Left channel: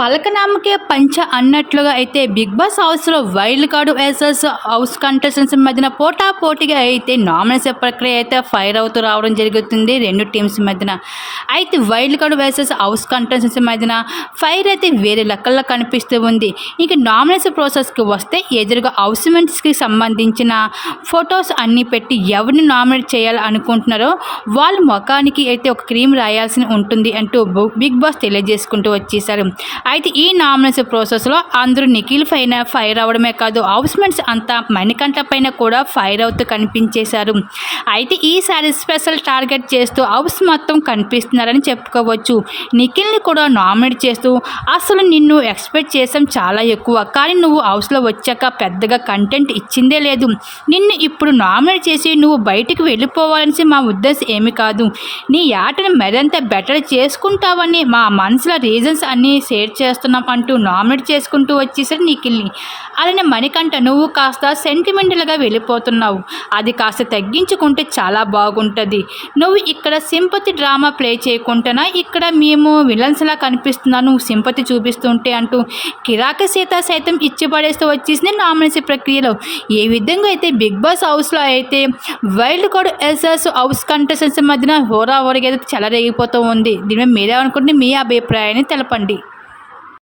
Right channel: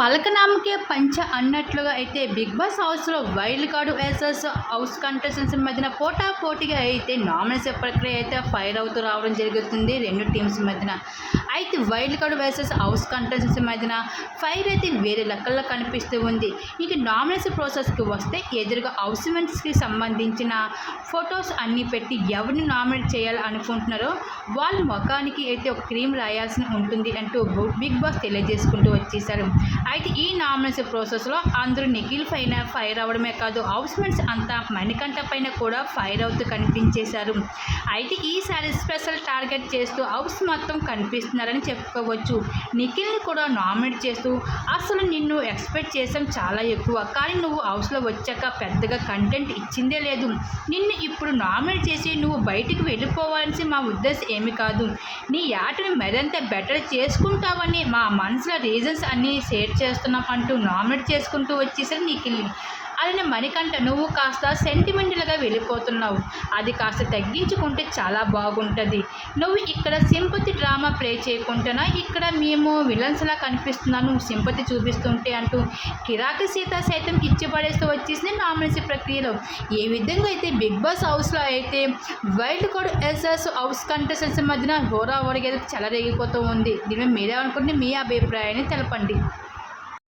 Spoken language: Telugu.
పలకనామకే పంచ అన్నట్లుగా అయితే బిగ్ బాస్ హౌస్లో wild card versus house contestants మధ్యన పోటా పోటీగా అయితే నామినేషన్ ప్రక్రియ అయితే ఫైర్ అవుతూ రావడం జరుగుతుంది. రెండు టీమ్స్ మధ్యన అయితే wild card versus house contestants మధ్యన ఫైర్ అయితే వేరే లెక్కల్లో కనిపిస్తూ ఉంది. ఇక నామినేషన్ ప్రాసెస్కి వస్తే ఎదురుగా హౌస్మెంట్స్కి సంబంధించిన ఫొటోస్ అన్నీ పెట్టి ఎవరిని నామినేట్ చేయాలి అనుకుంటున్నారో వాళ్ళ ముఖానికి అయితే ఒక క్రీమ్ రాయాల్సి ఉంటుంది అంటూ బిగ్ బాస్ తెలియజేసుకుంటూ వచ్చేసారు. అయితే ఈ నామినేషన్ ప్రాసెస్లో అందరూ నిఖిల్ పైన ఫైర్ అవడమే కాదు హౌస్మెంట్స్ అంతా మణికంఠ పైన కూడా ఫైర్ అవుతూ కనిపించేశారు. అయితే ఈసారి స్పెషల్ టార్గెట్ చేస్తూ హౌస్ మొత్తం కనిపిస్తున్నారని చెప్పుకోవచ్చు. నిఖిల్ని కూడా నామినేట్ చేస్తూ అసలు నిన్ను ఎక్స్పెక్ట్ చేసాం చాలా ఎక్కువ కానీ నువ్వు హౌస్లో వచ్చాక పెద్దగా కంటెంట్ ఇచ్చిందే లేదు. నిన్ను ఇప్పుడు నామినేట్ చేసి నువ్వు బయటికి వెళ్ళిపోవాలని మా ఉద్దేశం ఏమి కాదు. నీ ఆటను మరింత బెటర్ చేసుకుంటావని మా మనసులో రీజన్స్ అన్నీ షేర్ చేస్తున్నాం అంటూ నామినేట్ చేసుకుంటూ వచ్చేసరి నిఖిల్ని అలానే మణికంఠ నువ్వు కాస్త సెంటిమెంటల్గా వెళ్ళిపోతున్నావు. అది కాస్త తగ్గించుకుంటే చాలా బాగుంటుంది. నువ్వు ఇక్కడ సింపతి డ్రామా ప్లే చేయకుండానా ఇక్కడ మేము విలన్స్లా కనిపిస్తున్నా నువ్వు సింపతి చూపిస్తుంటే అంటూ కిరాక సీత సైతం ఇచ్చిపడేస్తూ వచ్చేసింది నామినేషన్ ప్రక్రియలో. ఏ విధంగా అయితే బిగ్ బాస్ హౌస్లో అయితే వైల్డ్ కార్డ్ ఎస్ఎస్ హౌస్ కంటెస్టెంట్స్ మధ్యన హోరా హోరగా అయితే చెలరేగిపోతూ ఉంది. దీని మీద మీరేమనుకుంటే మీ అభిప్రాయాన్ని తెలపండి.